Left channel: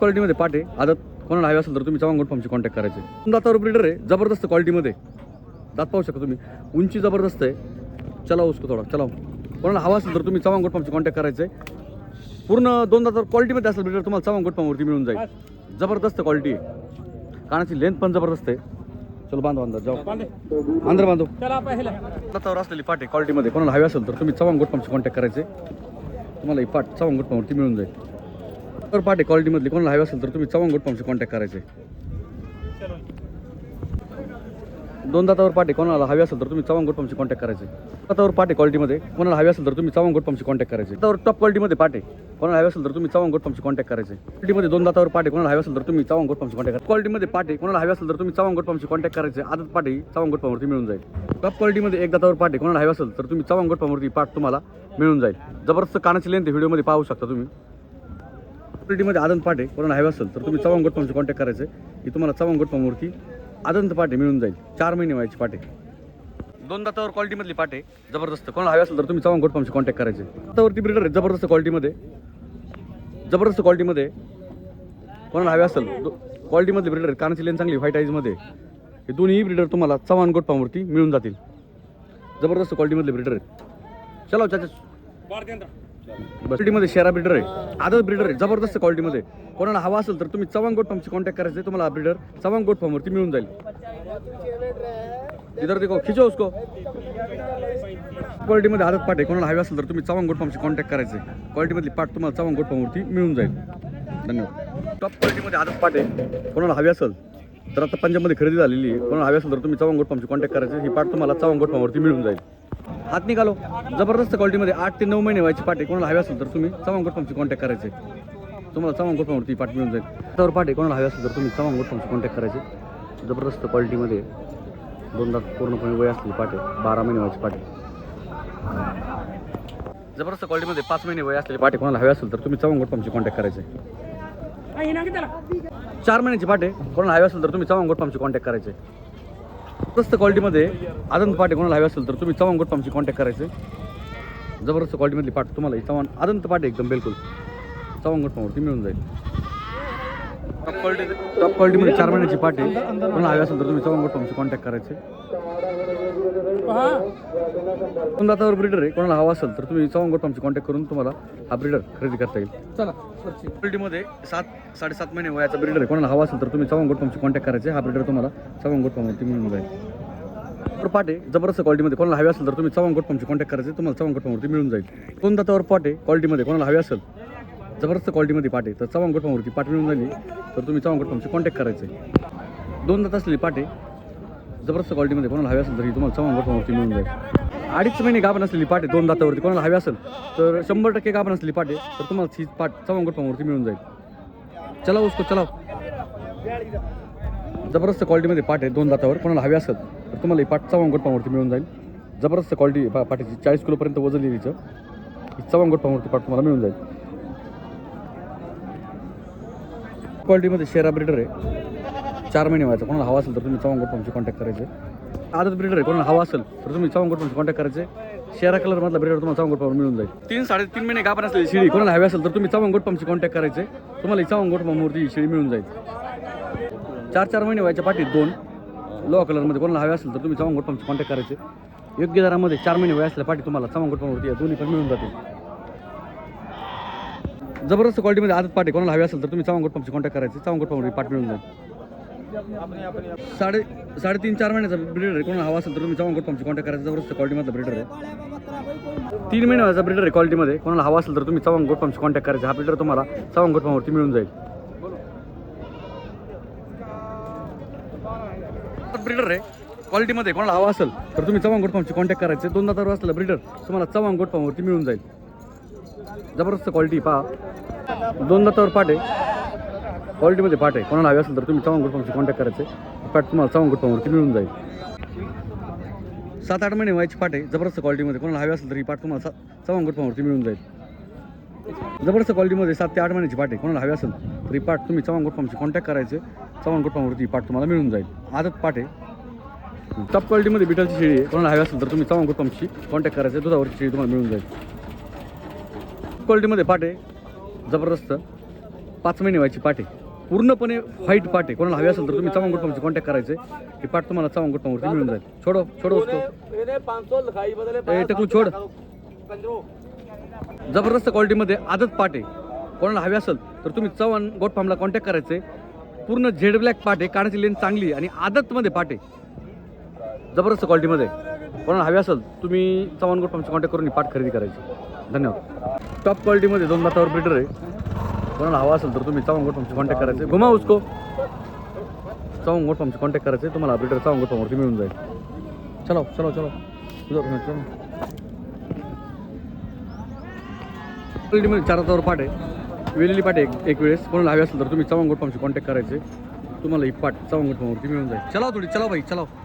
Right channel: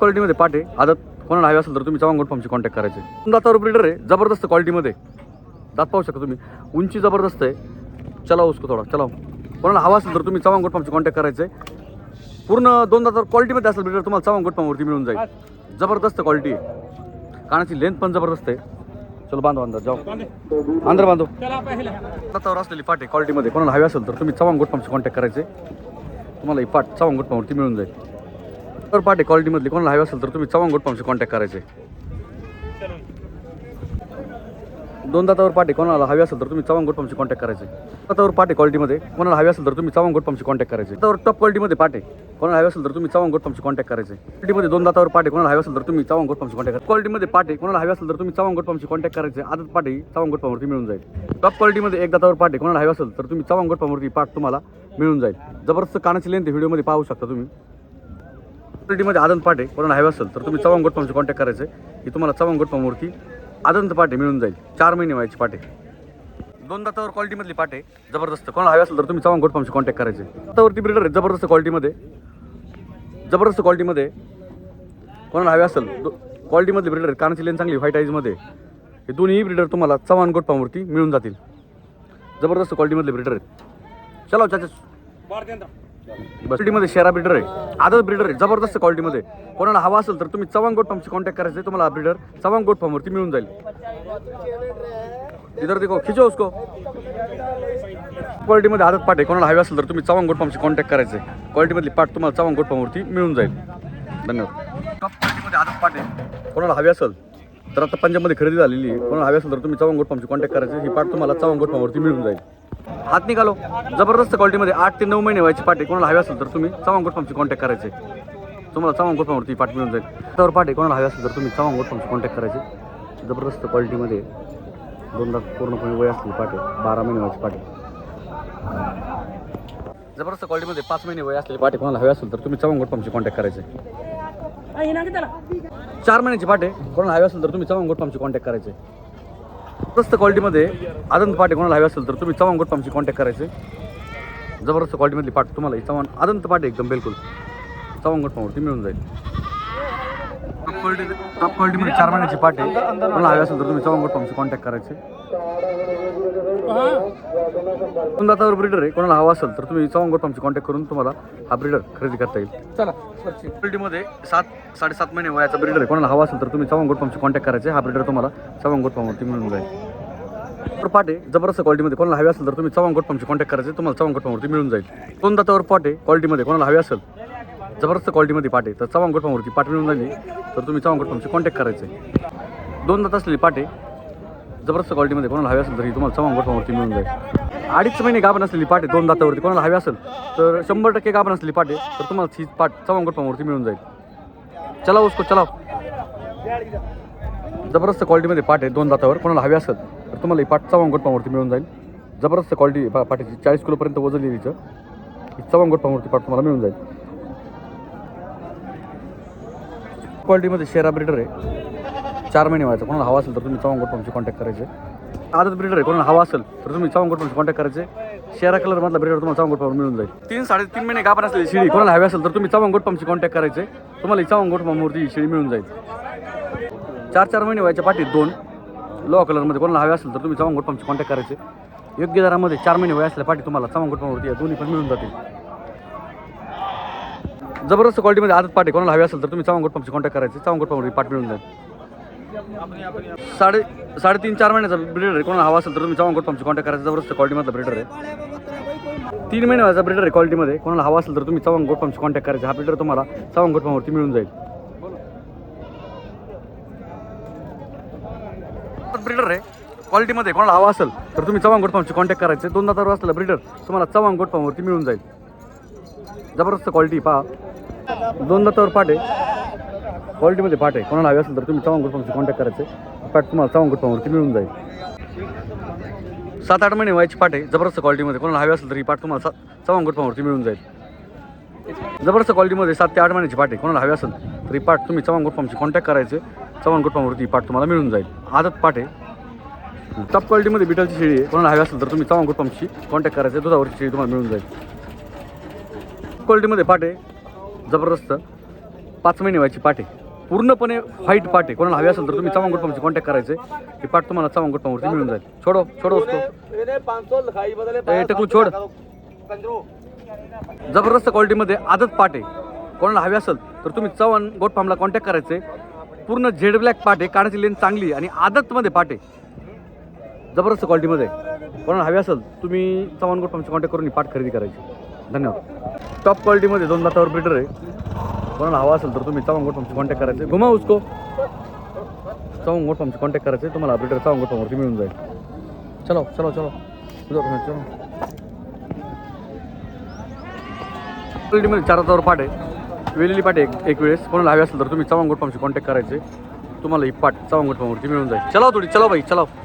क्वालिटीमध्ये पाटे आदत कोणाला हवे असेल तर तुम्ही चव्हाण गोट फार्मची कॉन्टॅक्ट करायचे. दातावर ब्रिडर आहे जबरदस्त क्वालिटीमध्ये दात पाहू शकता तुम्ही. उंची जबरदस्त आहे. चला उसको थोडा चलाव कोणाला हवा असेल तर तुम्ही चव्हाण गोट फार्मची कॉन्टॅक्ट करायचं. आहे पूर्ण दोन दातावर क्वालिटीमध्ये असेल ब्रिडर तुम्हाला चव्हाण गोट मिळून जाईल. जबरदस्त क्वालिटी आहे. कानाची लेंथ पण जबरदस्त आहे. चलो बांधव अंदर जाऊ. अंदर बांधव. दातावर असलेली पाटे क्वालिटीमध्ये कोणाला हवी असेल तर तुम्ही चव्हाण गोट कॉन्टॅक्ट करायचे. तुम्हाला ही पाट चव्हाण गोट मिळून जाईल. तर पाटे क्वालिटीमधली कोणाला हवी असेल तर तुम्ही चव्हाण गोट फार्मशी कॉन्टॅक्ट करायचे. दोन दातावर पाटे कोणाला हवी असेल तर तुम्ही चव्हाण गोट फार्मशी कॉन्टॅक्ट करायचे. दातावर पाटे क्वालिटीमध्ये कोणाला हवी असेल तर तुम्ही चव्हाण गोट फार्मशी कॉन्टॅक्ट करायचे. दातावर टॉप क्वालिटीमध्ये पाटे कोणाला हवी असेल तर तुम्ही चव्हाण गोट फार्मशी कॉन्टॅक्ट करायचे. क्वालिटीमध्ये दोन दातावर पाटे कोणाला हवी असेल तर तुम्ही चव्हाण गोट फार्मशी कॉन्टॅक्ट करायचे. क्वालिटीमध्ये पाटे कोणाला हवी असेल तर तुम्ही चव्हाण गोट फार्मशी कॉन्टॅक्ट करायचे. आदत पाटे चव्हाण गोट फार्मवरती मिळून जाईल. टॉप क्वालिटीमध्ये एक दातावर पाटे कोणाला हवी असेल तर तुम्ही चव्हाण गोट फार्मवरती पाठ तुम्हाला मिळून जाईल. जबरदस्त कानाची लेंथ व्हिडिओमध्ये पाहू शकता तुम्ही. क्वालिटीमध्ये आदंत पाटे कोणाला हवे असेल तर तुम्ही चव्हाण गोटपामचे फार्मशी कॉन्टॅक्ट करायचे. की तुम्हाला चव्हाण गोटपामवरती आनंद आदंत पाटे मिळून जाईल. चार महिने व्हायचे पाटे दोन दातावर क्वालिटीमधली पाटे जबरदस्त. कोणाला हवे असेल तर तुम्ही चव्हाण गोटपामचे कॉन्टॅक्ट करायचे. दातावरती ब्रिडर आहे जबरदस्त क्वालिटीमध्ये जबरदस्त क्वालिटीमध्ये कोणाला हवे असेल क्वालिटीमधले ब्रिडर कानाची लेन चांगली व्हाईट आईजमध्ये हे दोन्ही ब्रिडर तुम्हाला चव्हाण गोटपामवरती मिळून जातील. जबरदस्त क्वालिटीमधले ब्रिडर आहेत. चला हो, चाचा. क्वालिटीमध्ये शेरा ब्रिडर आहे. आदत ब्रिडर आहे. जबरदस्त क्वालिटीमध्ये कोणाला हवा असेल तर तुम्ही चव्हाण गोट फार्मची कॉन्टॅक्ट करायचं आहे. तुम्हाला ब्रिडर चव्हाण गोट फार्मवरती मिळून जाईल. इधर देखो खिचो उसको. क्वालिटीमध्ये आदत पाठ आहे. कोणाला हवी असेल तर तुम्ही चव्हाण गोट फार्मची कॉन्टॅक्ट करायचं आहे. क्वालिटीमधली पाठ तुम्हाला चव्हाण गोट फार्मवरती मिळून जाईल. धन्यवाद. टॉप क्वालिटीमध्ये आदत पाठ आहे. कोणाला हवी असेल तर आता पंजाबमध्ये खरेदी झालेली आहे. कोणाला हवी असेल तर तुम्ही चव्हाण गोट फार्मची कॉन्टॅक्ट करायचं ही पाठ तुम्हाला चव्हाण गोट फार्मवरती मिळून जाईल. हात निघालो. जबरदस्त क्वालिटीमध्ये आठ ते नऊ महिने व्हायची पाटे कोणाला हवे असेल तर तुम्ही चव्हाण फार्मची कॉन्टॅक्ट करायचे. तुम्हाला चव्हाण गोट फार्मवरती पाट मिळून जाईल. त्यावर पाटे कोणाला हवे असेल तर तुम्ही चव्हाण गोट फार्मची कॉन्टॅक्ट करायचे. जबरदस्त क्वालिटीमध्ये दोनदा पूर्णपणे वय असली पाटे बारा महिने व्हायची पाटे जबरदस्त क्वालिटीमध्ये पाच महिने वय असलेले पाटे कोणाला हवे असेल तर तुम्ही चव्हाण गोट फार्मची कॉन्टॅक्ट करायचे. चार महिन्याची पाटे कोणाला हवे असेल तर तुम्ही चव्हाण गोट फार्मची कॉन्टॅक्ट करायचे. जबरदस्त क्वालिटीमध्ये आदंत पाटे कोणाला हवे असेल तर तुम्ही चव्हाण गोट फार्मची कॉन्टॅक्ट करायचे. जबरदस्त क्वालिटीमधली पाट तुम्हाला ही चव्हाण आदंत पाटे एकदम बिलकुल. चव्हाण गोट तुम्ही मिळून जाईल. टॉप क्वालिटी टॉप क्वालिटीमध्ये चार महिन्याची पाटे कोणाला हवे असेल तर तुम्ही गोट फार्मची कॉन्टॅक्ट करायचे. दोन दातावर ब्रिडर आहे. कोणाला हवा असेल तर तुम्ही गोट फार्मची कॉन्टॅक्ट करून तुम्हाला हा ब्रिडर खरेदी करता येईल. चला क्वालिटीमध्ये सात साडेसात महिने वयाचा ब्रिडर आहे. कोणाला हवा असेल तर तुम्ही गोट फार्मची कॉन्टॅक्ट करायचे. हा ब्रिडर तुम्हाला चव्हाण गोट फार्मवरती मिळून जाईल. तर पाटे जबरदस्त क्वालिटीमध्ये कोणाला हवे असेल तर तुम्ही चव्हाण गोट फार्मची कॉन्टॅक्ट करायचे. तुम्हाला चव्हाण गोट फार्मवरती मिळून जाईल. दोन दातावर पाटे क्वालिटीमध्ये कोणाला हवे असेल जबरदस्त क्वालिटीमध्ये पाटे. तर चव्हाण गोट फार्मवरती पाट मिळून झाली. तर तुम्ही चव्हाण गोट फार्मची कॉन्टॅक्ट आहे. दोन दात असलेली पाटे जबरदस्त क्वालिटीमध्ये कोणाला हवे असेल तरी तुम्हाला चव्हाण गोट फार्मवरती मिळून जाईल. अडीच महिने गाभण असलेली पाटे दोन दातावरती कोणाला हवे असेल तर शंभर टक्के गाभण असलेली पाटे तर तुम्हाला ही पाट चव्हाण गोट फार्मवरती मिळून जाईल. चलाव उसको चलाव जबरदस्त क्वालिटीमध्ये पाठ आहे दोन दातावर कोणाला हवे असेल तर तुम्हाला ही पाट चव्हाण गोट फार्मवरती मिळून जाईल. जबरदस्त क्वालिटी पाठीची चाळीस किलोपर्यंत वजन लिहिलीचं हिचं. ही चव्हाण फार्मवरती तुम्हाला मिळून जाईल. क्वालिटीमध्ये शेरा ब्रिडर आहे. चार महिने व्हायचं. कोणाला हवा असेल तर तुम्ही चव्हाण तुमची कॉन्टॅक्ट करायचे. आदत ब्रिडर आहे. कोणाला हवा असेल तर तुम्ही चव्हाण तुमची कॉन्टॅक्ट करायचे. शेरा कलर मधला ब्रिडर तुम्हाला चव्हाण गोटपावर मिळून जाईल. तीन साडेतीन महिने गाभण असलेली शिडी कोणाला हवी असेल तर तुम्ही चव्हाण गोट कॉन्टॅक्ट करायचे. तुम्हाला ही चव्हाण गोटपा मूर्ती शिडी मिळून जाईल. चार चार महिने व्हायच्या पाठीत दोन लो कलरमध्ये कोणाला हवे असेल तर तुम्ही चव्हाण गोट कॉन्टॅक्ट करायचे. योग्य दरामध्ये चार महिने वय असल्या पाठी तुम्हाला चव्हाण गोट मूर्ती या दोन्ही पण मिळून जातील. जबरदस्त क्वालिटीमध्ये आदत पाठी कोणाला हवी असेल तर तुम्ही चावंगोट गोट कॉन्टॅक्ट करायचं. चावंगोट गोट पाठ मिळून जाईल. साडे साडेतीन चार महिन्याचा ब्रिडर आहे. कोणाला हवा असेल तर तुम्ही चावंगोट गोट कॉन्टॅक्ट करायचं. जबरदस्त क्वालिटीमधला ब्रिडर आहे. तीन महिन्याचा ब्रिडर आहे क्वालिटीमध्ये कोणाला हवा असेल तर तुम्ही चावंगोट गोट कॉन्टॅक्ट करायचा. हा ब्रिडर तुम्हाला चावंगोट पंपवरती मिळून जाईल. ब्रिडर आहे. क्वालिटीमध्ये कोणाला हवा असेल तर तुम्ही चव्हाण गोट कॉन्टॅक्ट करायचे. दोनदा तर असलेला ब्रिडर तुम्हाला चव्हाण गोट मिळून जाईल. जबरदस्त क्वालिटी पहा. दोन दातावर पाठ. आहे क्वालिटीमध्ये पाठ. आहे कोणाला हवी असेल तर तुम्ही चव्हाण गोट कॉन्टॅक्ट करायचे. पाठ तुम्हाला चव्हाण गोट मिळून जाईल. सात आठ महिने व्हायची पाठ. आहे जबरदस्त क्वालिटीमध्ये कोणाला हवी असेल तर ही पाठ तुम्हाला सा चव्हाण गोट मिळून जाईल. जबरदस्त क्वालिटीमध्ये सात ते आठ महिन्याची पाठ. आहे कोणाला हवी असेल तर ही पाठ तुम्ही चव्हाण गोट कॉन्टॅक्ट करायचे. चव्हाण गोट ही तुम्हाला मिळून जाईल. आदत पाठ. आहे टॉप क्वालिटीमध्ये बिटलची शेळी आहे. कोणाला हवी असेल तर तुम्ही चव्हाण गोट कॉन्टॅक्ट करायचे. दुधावरची शेळी तुम्हाला मिळून जाईल. क्वालिटीमध्ये पाट आहे जबरदस्त. पाच महिने व्हायची पाटे. पूर्णपणे व्हाईट पाटे. कोणाला हवी असेल तर तुम्ही चव्हाण गोटपामशी कॉन्टॅक्ट करायचे. ही पाट तुम्हाला चव्हाण गोटपामवरती मिळून जाईल. छोडो छोडो असतो ए, टकलू छोड. जबरदस्त क्वालिटीमध्ये आदत पाटे. कोणाला हवी असेल तर तुम्ही चव्हाण गोट फार्मला कॉन्टॅक्ट करायचे. पूर्ण झेड ब्लॅक पाटे काढायची लेन चांगली आणि आदतमध्ये पाटे. जबरदस्त क्वालिटीमध्ये कोणाला हवी असेल तुम्ही चव्हाण गोट फार्मची कॉन्टॅक्ट करून ही पाट खरेदी करायची. धन्यवाद. टॉप क्वालिटीमध्ये दोन दातावर ब्रिडर आहे. कोणाला हवा असेल तर तुम्ही चव्हाण गोट कॉन्टॅक्ट करायचे. घुमा उसको. चव्हाण गोट फार्मची कॉन्टॅक्ट करायचे. तुम्हाला ब्रिडर चव्हाण गोट मिळून जाईल. चलो चलो चलो. चलो. क्वालिटीमध्ये चार हातावर पाठ आहे. वेलेली पाठ आहे एक एक वेळेस. कोणाला हवी असेल तर तुम्ही चव्हाण गोटपामशी कॉन्टॅक्ट करायचे. तुम्हाला ही पाठ चव्हाण फॉर्मवरती मिळून जाईल. चलाव हो थोडी चलाव भाई चलाव हो.